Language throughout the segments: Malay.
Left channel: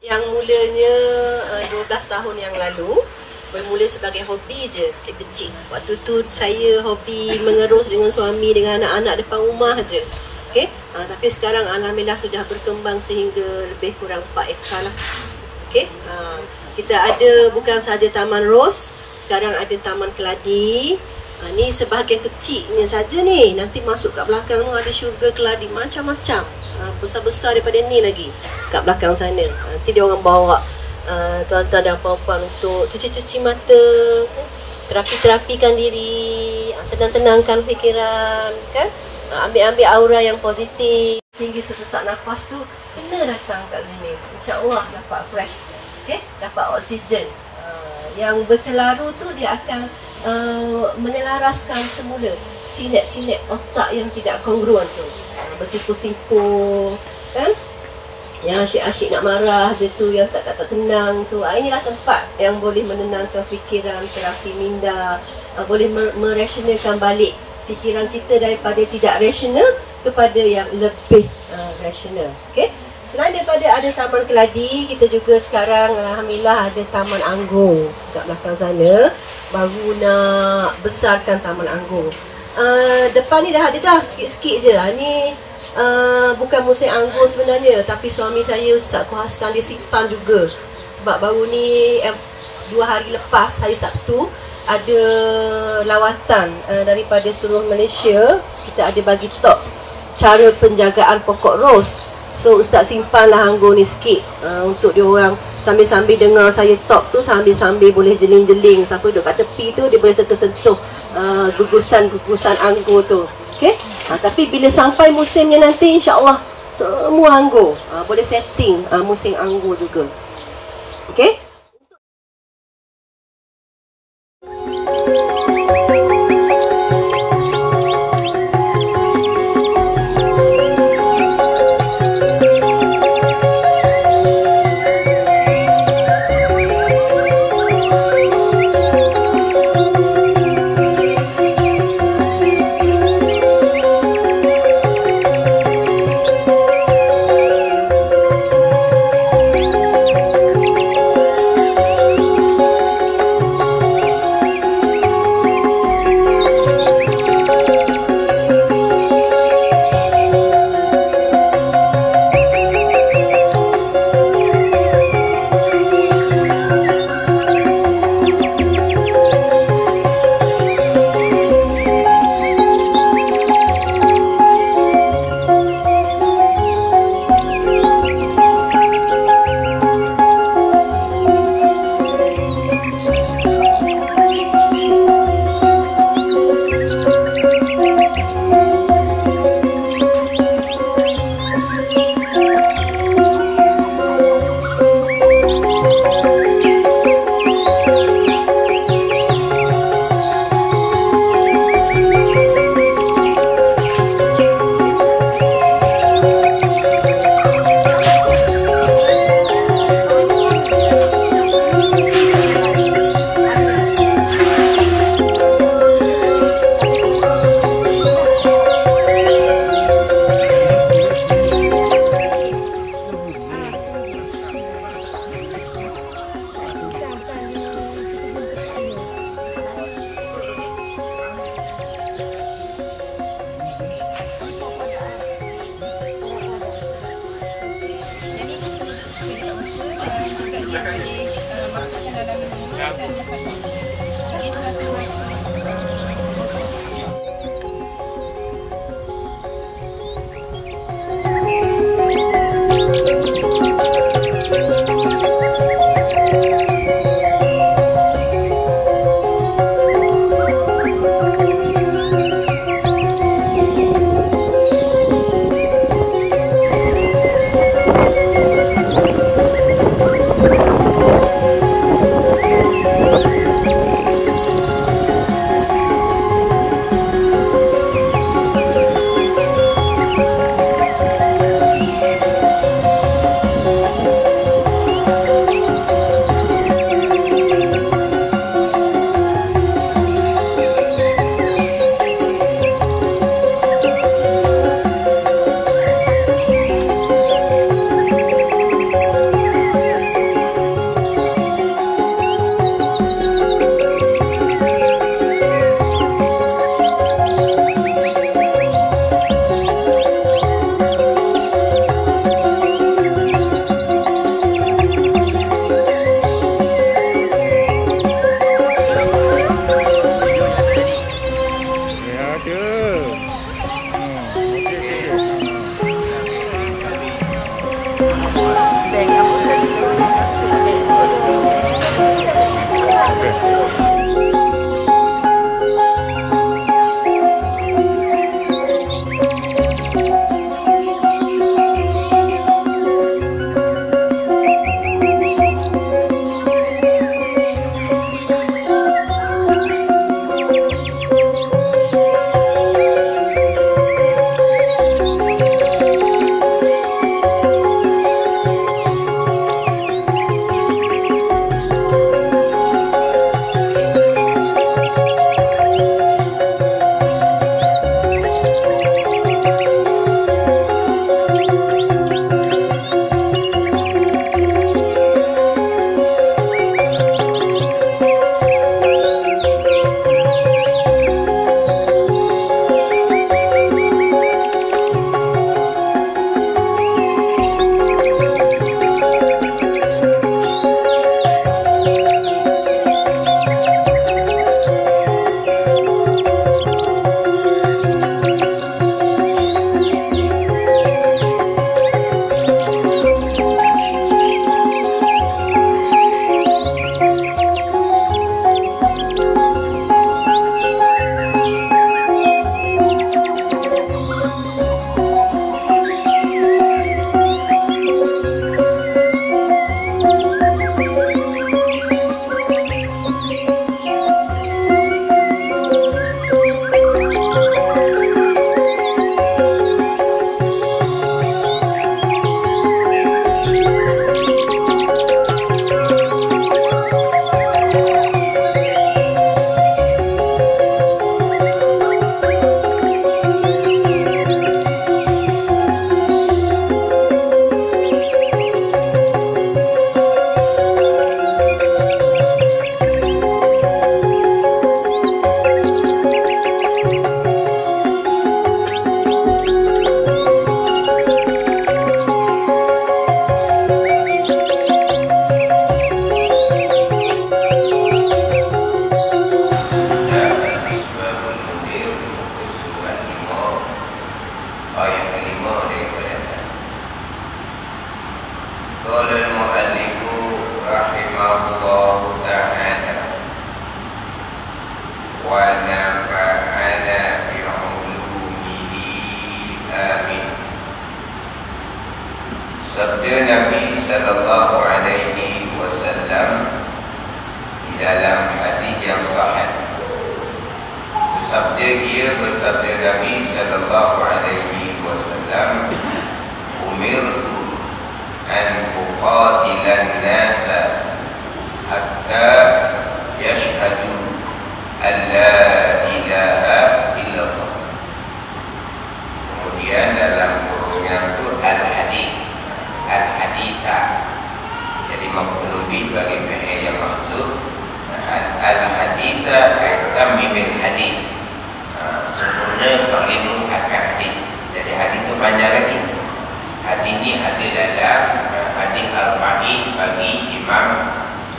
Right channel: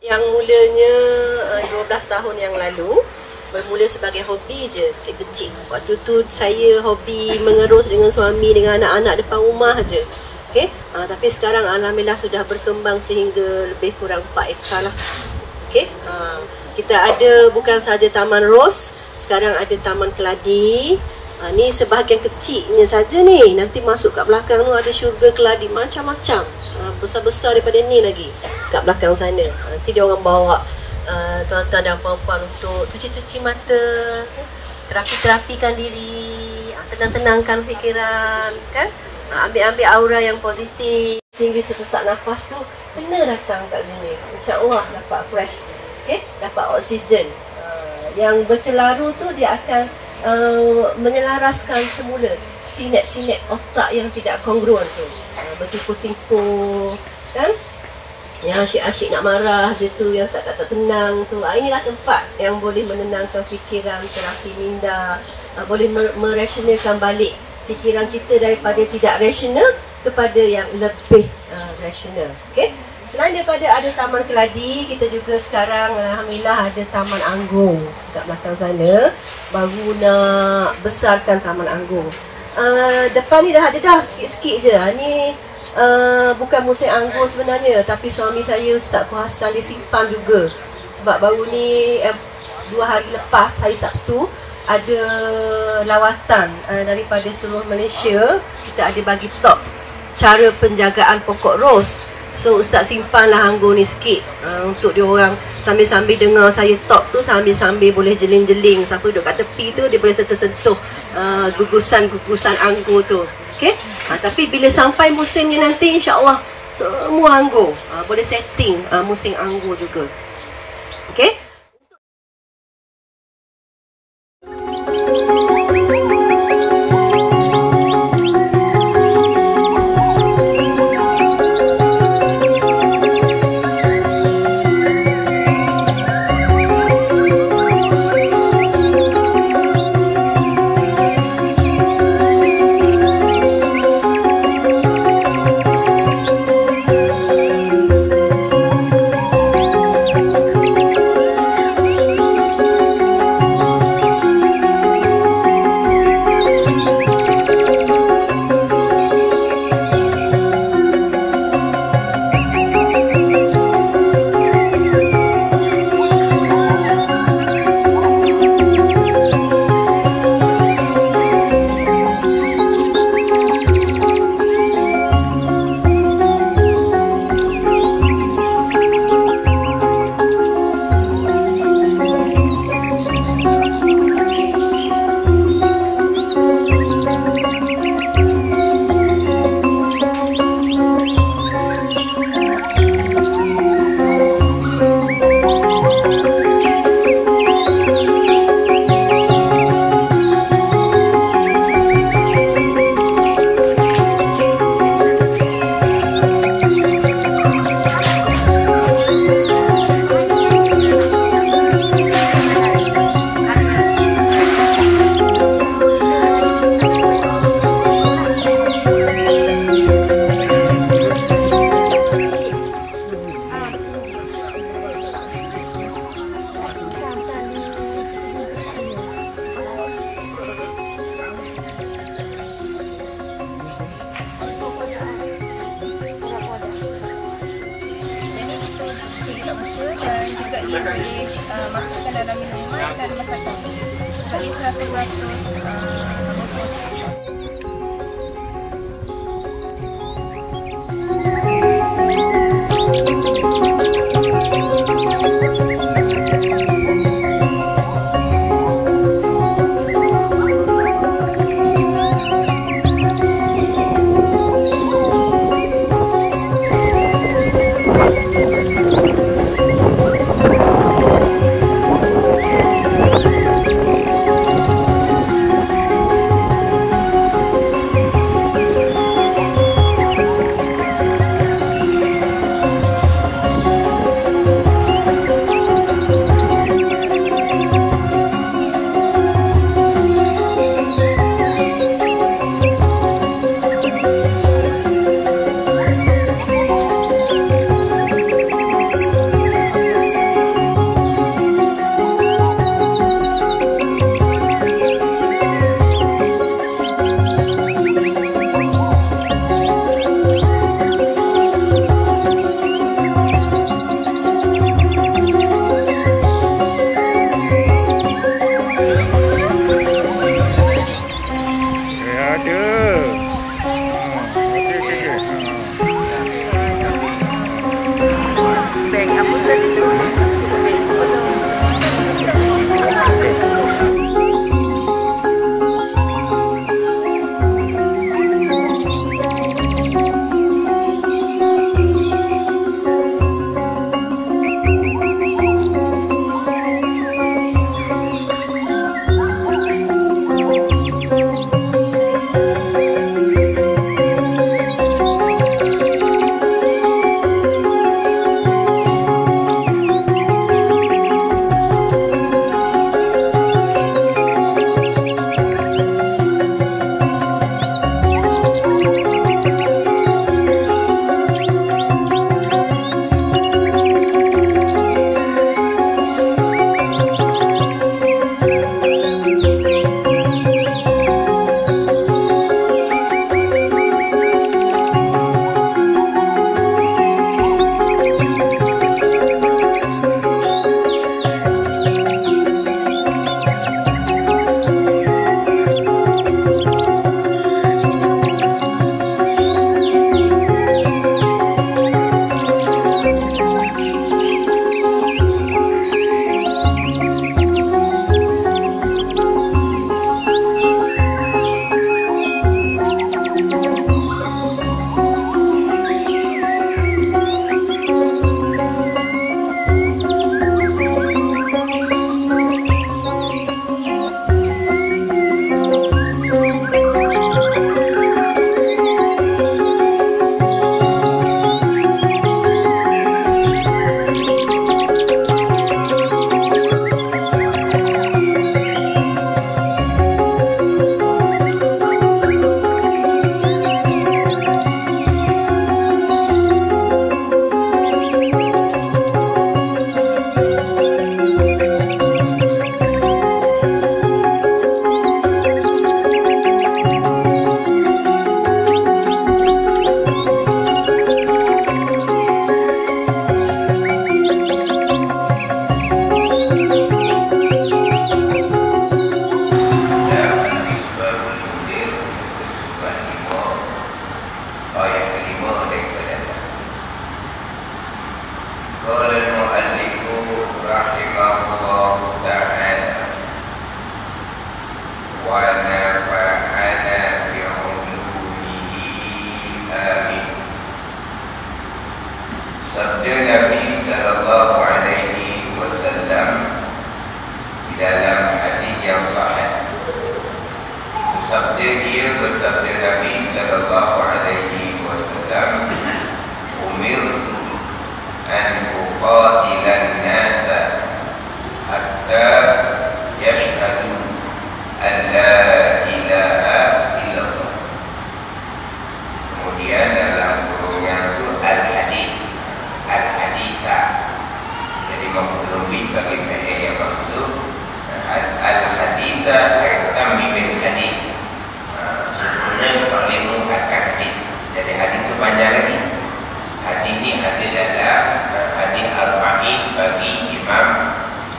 Yang mulanya 12 tahun yang lalu, bermula sebagai hobi je, kecil-kecil. Waktu tu saya hobi mengerus dengan suami, dengan anak-anak depan rumah je. Okay? Tapi sekarang alhamdulillah sudah berkembang sehingga lebih kurang 4 ekar lah. Okay? Kita ada bukan saja Taman Ros, sekarang ada Taman Keladi. Ni sebahagian kecilnya saja ni. Nanti masuk kat belakang tu ada syurga keladi macam-macam. Besar-besar daripada ni lagi kat belakang sana. Nanti dia orang bawa tuan-tuan dan puan-puan untuk cuci-cuci mata, terapi-terapikan diri, tenang-tenangkan fikiran, kan? Ambil-ambil aura yang positif. Tinggi sesak nafas tu kena datang kat sini. InsyaAllah dapat fresh, okay? Dapat oksigen. Yang bercelaru tu dia akan menyelaraskan semula sinet-sinet otak yang tidak kongruen tu. Bersimpul-simpul, kan? Yang asyik-asyik nak marah je tu, yang tak tenang tu. Inilah tempat yang boleh menenangkan fikiran, terapi minda, boleh merasionalkan balik fikiran kita daripada tidak rasional kepada yang lebih rasional. Okay? Selain daripada ada Taman Keladi, kita juga sekarang alhamdulillah ada Taman Anggur kat belakang sana. Baru nak besarkan Taman Anggur. Depan ni dah ada dah sikit-sikit je. Ni bukan musim anggur sebenarnya, tapi suami saya Ustaz Kuhasan dia simpan juga. Sebab baru ni 2 hari lepas, hari Sabtu, ada lawatan daripada seluruh Malaysia. Kita ada bagi top cara penjagaan pokok ros. So Ustaz simpanlah anggur ni sikit untuk dia orang sambil-sambil dengar saya talk tu, sambil-sambil boleh jeling-jeling. Siapa duduk kat tepi tu dia boleh sentuh-sentuh gugusan anggur tu. Okay? Tapi bila sampai musimnya nanti, insya-Allah semua anggur boleh setting musim anggur juga. Okay? masukkan dalam minuman dan masakan. Jadi 100% botol.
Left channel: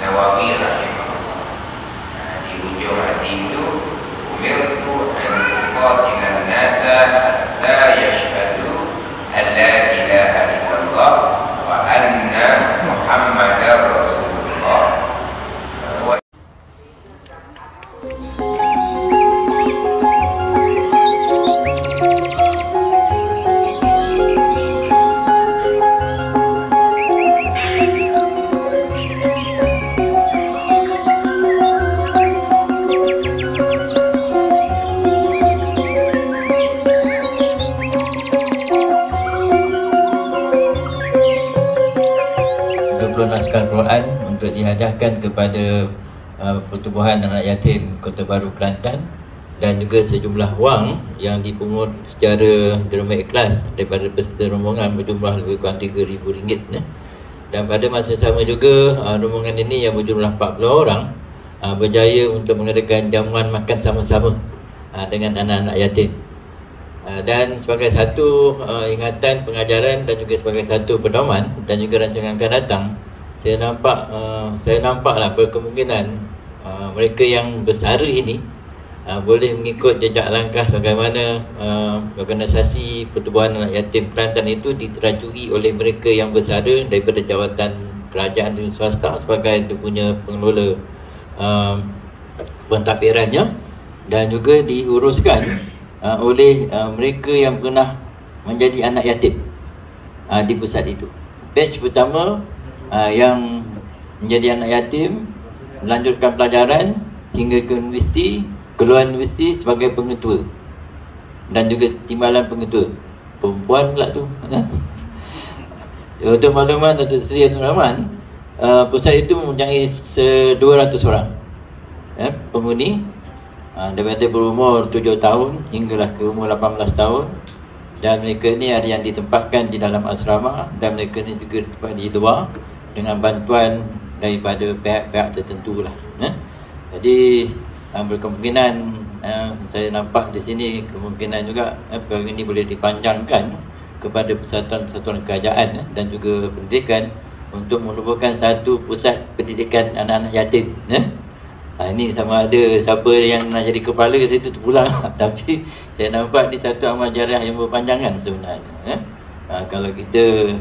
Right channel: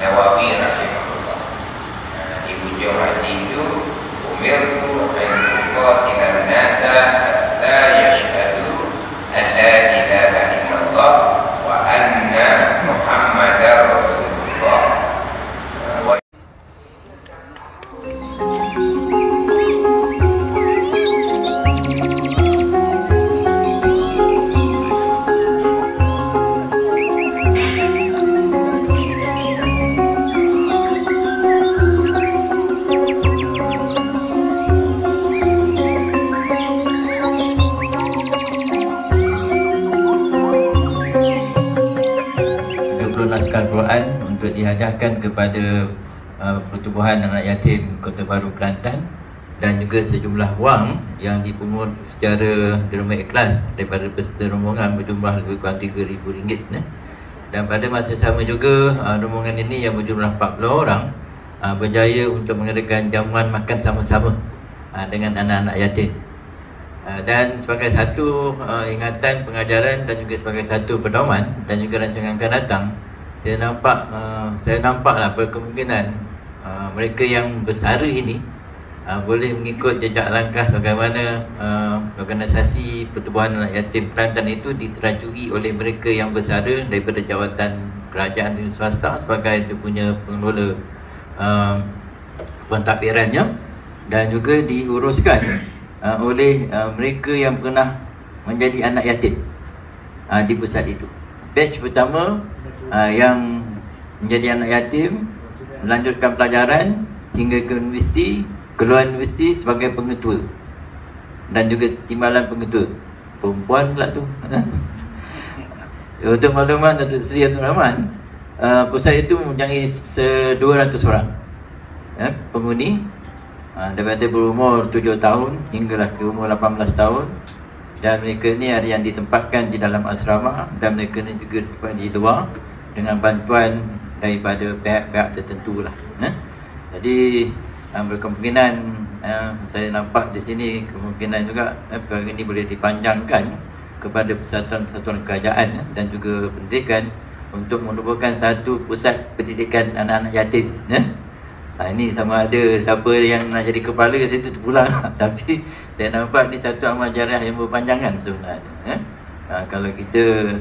Nawawi rahimahullah. Di ujung hadis itu, umirtu an uqatila an-nasa hatta yashhadu an la ilaha illallah wa anna Muhammadar Rasulullah. Naskah Quran untuk dihadiahkan kepada Pertubuhan Anak Yatim Kota Baru Kelantan, dan juga sejumlah wang yang dipungut secara derma ikhlas daripada peserta rombongan berjumlah lebih kurang RM3,000. Dan pada masa sama juga rombongan ini yang berjumlah 40 orang berjaya untuk mengadakan jamuan makan sama-sama dengan anak-anak yatim. Dan sebagai satu ingatan pengajaran dan juga sebagai satu pedoman dan juga rancangan akan datang, saya nampaklah berkemungkinan mereka yang bersara ini boleh mengikut jejak langkah bagaimana organisasi Pertubuhan Anak Yatim Kelantan itu diterajui oleh mereka yang bersara daripada jawatan kerajaan dan swasta sebagai itu punya pengelola pentadbirannya, dan juga diuruskan oleh mereka yang pernah menjadi anak yatim di pusat itu. Batch pertama yang menjadi anak yatim, melanjutkan pelajaran hingga ke universiti, keluar universiti sebagai pengetua dan juga timbalan pengetua. Perempuan pula tu. Untuk makluman Datuk Seri Abdul Rahman, pusat itu mempunyai 200 orang penghuni daripada berumur 7 tahun hinggalah ke umur 18 tahun, dan mereka ni ada yang ditempatkan di dalam asrama dan mereka ni juga ditempatkan di luar dengan bantuan daripada pihak-pihak tertentu lah. Jadi berkemungkinan saya nampak di sini kemungkinan juga perkara ini boleh dipanjangkan kepada persatuan-persatuan kerajaan dan juga pendidikan untuk menubuhkan satu pusat pendidikan anak-anak yatim. Ini sama ada siapa yang nak jadi kepala itu terpulang. Tapi saya nampak ni satu amal jariah yang berpanjangan sebenarnya. Kalau kita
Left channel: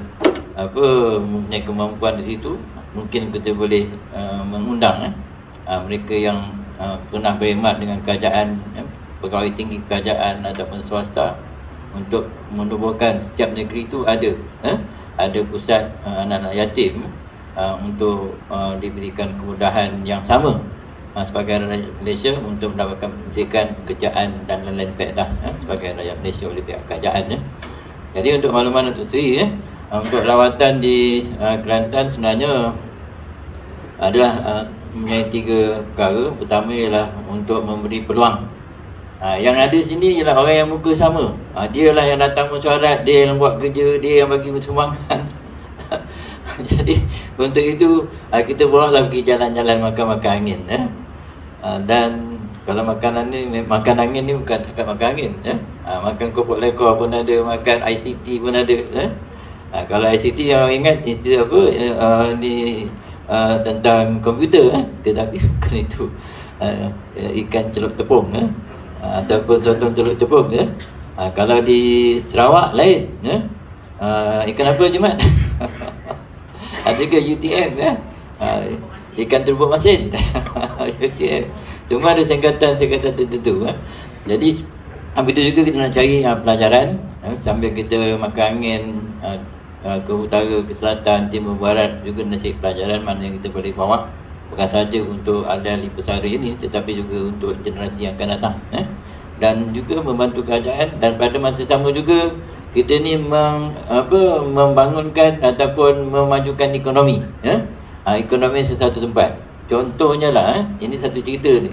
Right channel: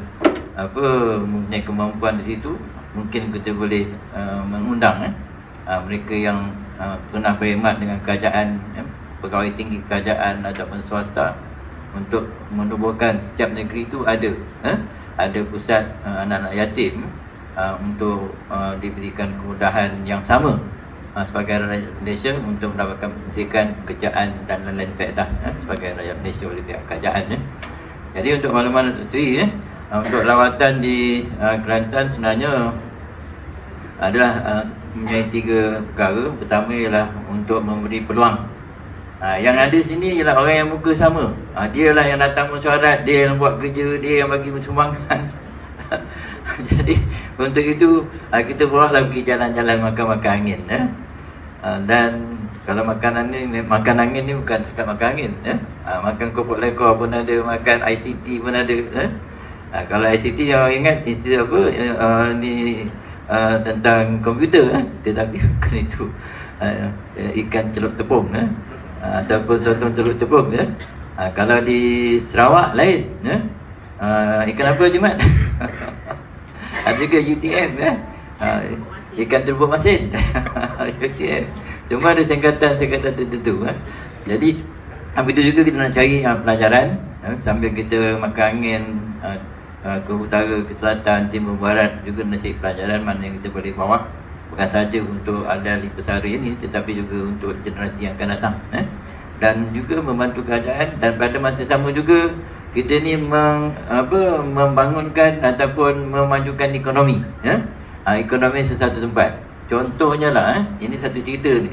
mempunyai kemampuan di situ, mungkin kita boleh mengundang mereka yang pernah berkhidmat dengan kerajaan, pegawai tinggi kerajaan ataupun swasta, untuk menubuhkan setiap negeri itu ada pusat anak-anak yatim untuk diberikan kemudahan yang sama sebagai rakyat Malaysia untuk mendapatkan pendidikan, pekerjaan dan lain-lain faedah sebagai rakyat Malaysia oleh pihak kerajaan. Jadi untuk makluman Datuk Seri, untuk lawatan di Kelantan sebenarnya adalah mempunyai 3 perkara. Pertama ialah untuk memberi peluang. Yang ada sini ialah orang yang muka sama. Dia lah yang datang mesyuarat, dia yang buat kerja, dia yang bagi sumbangan. Jadi untuk itu kita bawalah pergi jalan-jalan makan-makan angin. Dan kalau makan angin ni bukan cakap makan angin. Makan kopok lekor pun ada, makan ICT pun ada. Kalau ICT yang ingat istilah apa tentang komputer, tetapi bukan itu ikan celup tepung ataupun sotong celup tepung. Kalau di Sarawak lain, ikan apa je Mat? Ada ke UTM ikan terbuk masin. UTM. Cuma ada singkatan tertentu. Jadi itu juga kita nak cari pelajaran sambil kita makan angin ke utara, ke selatan, timur, barat, juga nak cari pelajaran mana yang kita boleh bawa, bukan saja untuk ahli pesara ini tetapi juga untuk generasi yang akan datang. Dan juga membantu kerajaan, dan pada masa sama juga kita ni membangunkan ataupun memajukan ekonomi. Ekonomi sesuatu tempat. Contohnya lah, ini satu cerita ni.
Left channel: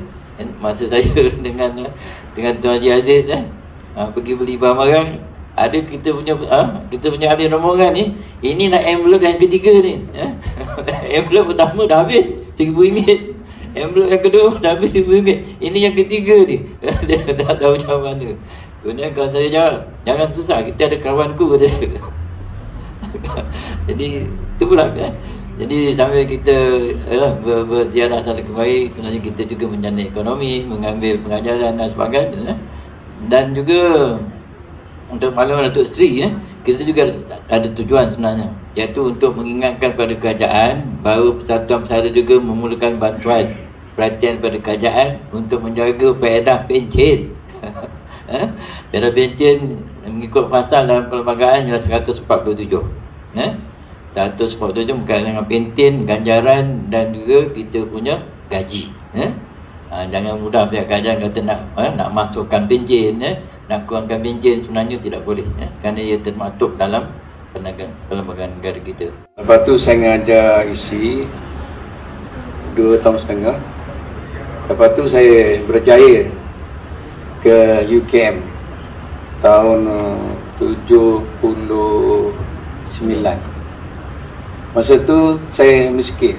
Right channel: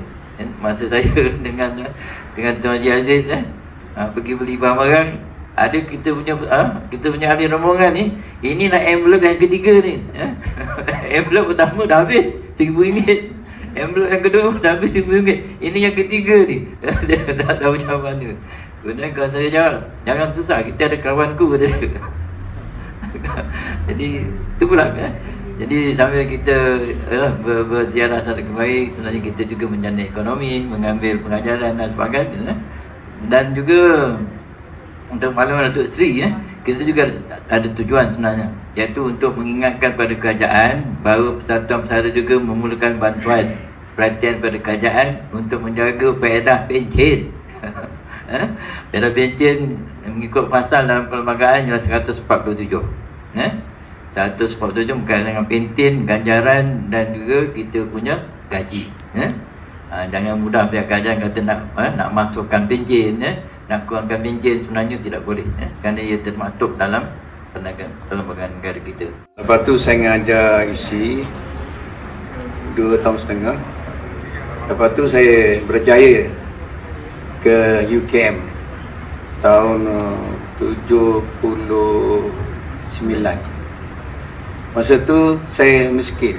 Masa saya dengan Tuan Haji Aziz pergi beli barang-barang, ada kita punya ahli rombongan ni, inilah envelope yang ketiga ni. Envelope pertama dah habis RM1,000. Envelope yang kedua dah habis RM1,000. Ini yang ketiga ni. Dia tak tahu macam mana. Kemudian kawan saya jangan susah, kita ada kawanku, kata dia. Jadi itu pula Jadi sambil kita berziarah satu kembali, sebenarnya kita juga menjana ekonomi, mengambil pengajaran dan sebagainya. Dan juga untuk maklumat Datuk Seri, kita juga ada tujuan sebenarnya, iaitu untuk mengingatkan pada kerajaan bahawa Persatuan Pesara juga memerlukan bantuan perhatian pada kerajaan untuk menjaga faedah pencen. Faedah pencen mengikut pasal dalam perlembagaan ialah 147. 147 bukan dengan pentin, ganjaran dan juga kita punya gaji. Jangan mudah pihak kerajaan kata nak masukkan pencen, nak kurangkan pencen, sebenarnya tidak boleh, kerana ia termaktub dalam perlembagaan negara kita. Lepas tu saya ngajar isi 2 tahun setengah. Lepas tu saya berjaya ke UKM tahun 79. Masa tu saya miskin,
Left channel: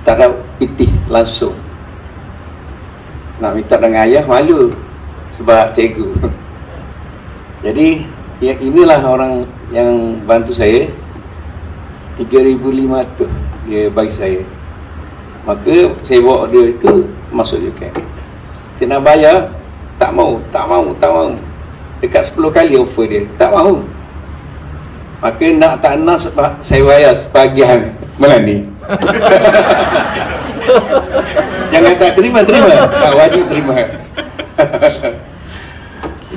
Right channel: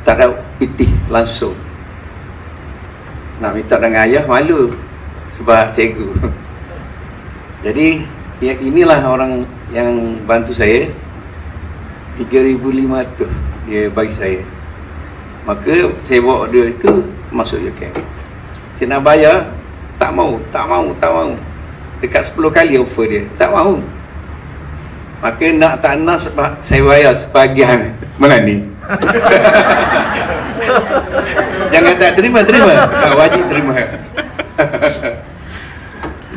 tak ada pitih langsung. Nak minta dengan ayah malu sebab cikgu. Jadi inilah orang yang bantu saya. 3,500 dia bagi saya. Maka saya bawa order itu masuk UKM. Saya nak bayar, tak mau. Dekat 10 kali offer dia, tak mau. Maka nak tak nak saya bayar sebahagian melani. Jangan tak terima. Tak wajib terima.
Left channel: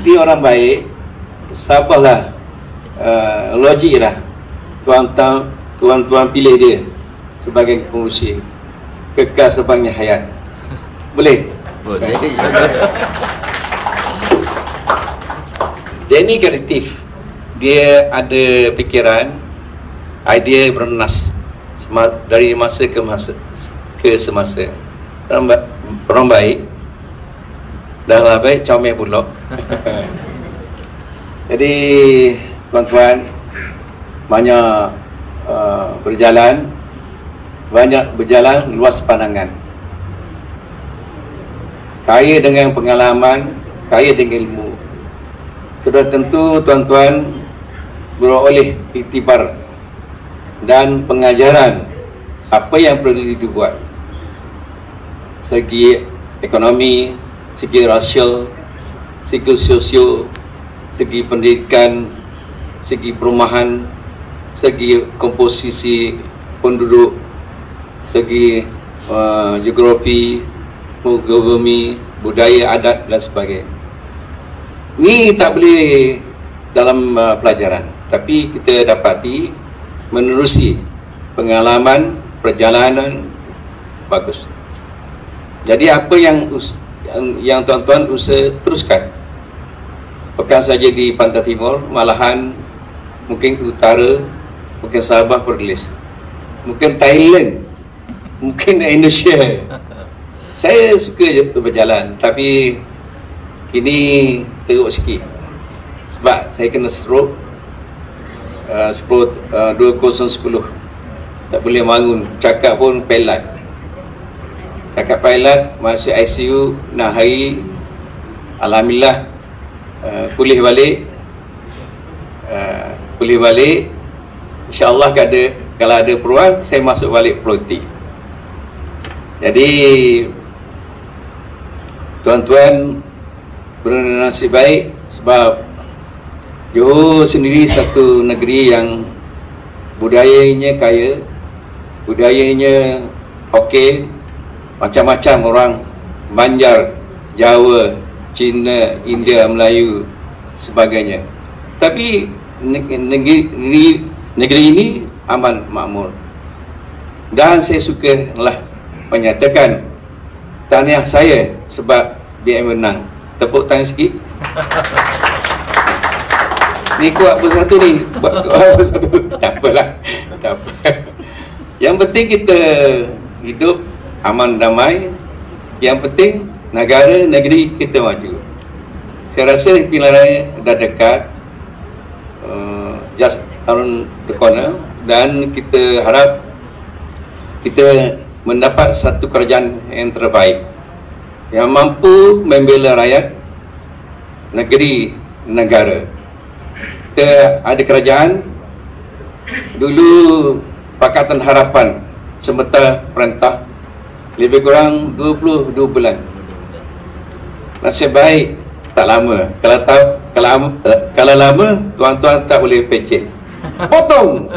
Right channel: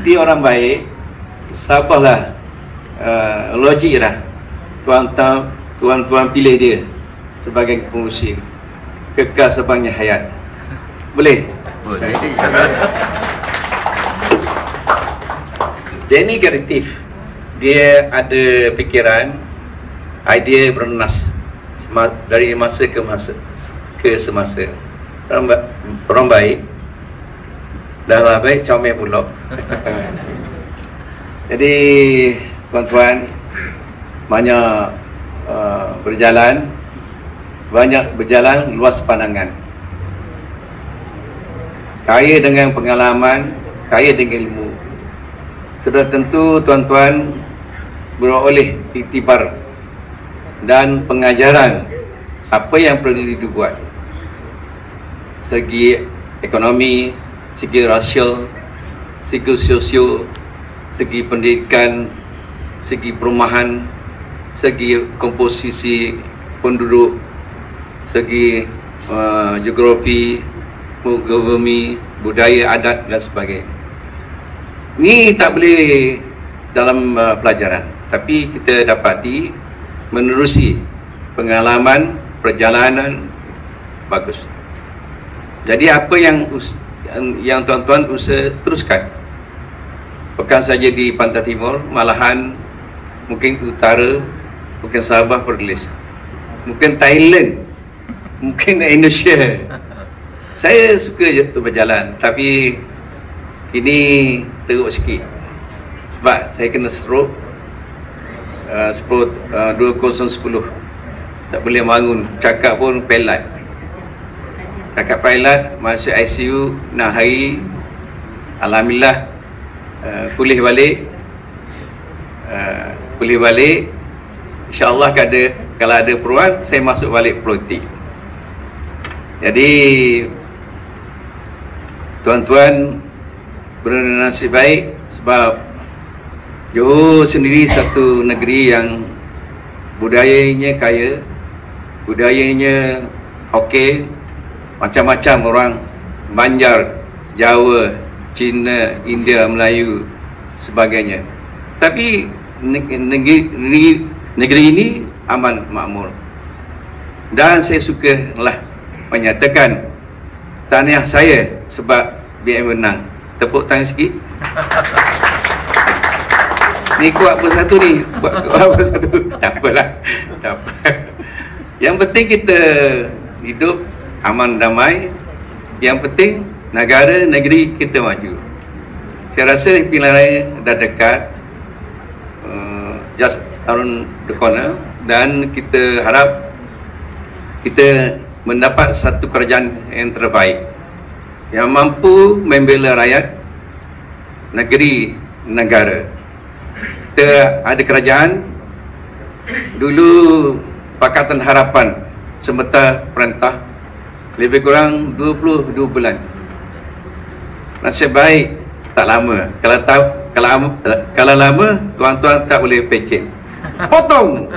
Dia orang baik, sabarlah, logik lah. Tuan-tuan pilih dia sebagai pengurusi kekal sepanjang hayat. Boleh? Jenny kreatif. Dia ada pikiran, idea bernas dari masa ke semasa. Orang baik, dah baik comel pula. Jadi tuan-tuan banyak berjalan luas pandangan, kaya dengan pengalaman, kaya dengan ilmu. Sudah tentu tuan-tuan beroleh iktibar dan pengajaran apa yang perlu dibuat segi ekonomi, segi rasial, segi sosio, segi pendidikan, segi perumahan, segi komposisi penduduk, segi geografi, bumi, budaya, adat dan sebagainya. Ini tak boleh dalam pelajaran, tapi kita dapati menerusi pengalaman perjalanan bagus. Jadi apa yang tuan-tuan usaha teruskan, bukan saja di Pantai Timur, malahan mungkin utara, mungkin Sabah, Perlis, mungkin Thailand, mungkin Indonesia. Saya suka je berjalan, tapi kini teruk sikit sebab saya kena stroke 2010. Tak boleh bangun, cakap pun pelat. Cakap pelat, masuk ICU 6 hari. Alhamdulillah pulih balik. InsyaAllah kalau ada peluang saya masuk balik politik. Jadi tuan-tuan bernasib baik sebab Johor sendiri satu negeri yang budayanya kaya, budayanya okey, macam-macam orang, Banjar, Jawa, Cina, India, Melayu, sebagainya. Tapi negeri ini aman makmur. Dan saya sukalah menyatakan tahniah saya sebab BM menang. Tepuk tangan sikit. Ni kuat bersatu ni. Kuat bersatu. Tak apalah. Tak apa. Yang penting kita hidup aman damai. Yang penting negara, negeri kita maju. Saya rasa pilihan raya dah dekat. Just around the corner. Dan kita harap kita mendapat satu kerajaan yang terbaik, yang mampu membela rakyat, negeri, negara. Kita ada kerajaan. Dulu Pakatan Harapan semata perintah lebih kurang 22 bulan. Nasib baik tak lama. Kalau lama tuan-tuan tak boleh pencet, potong.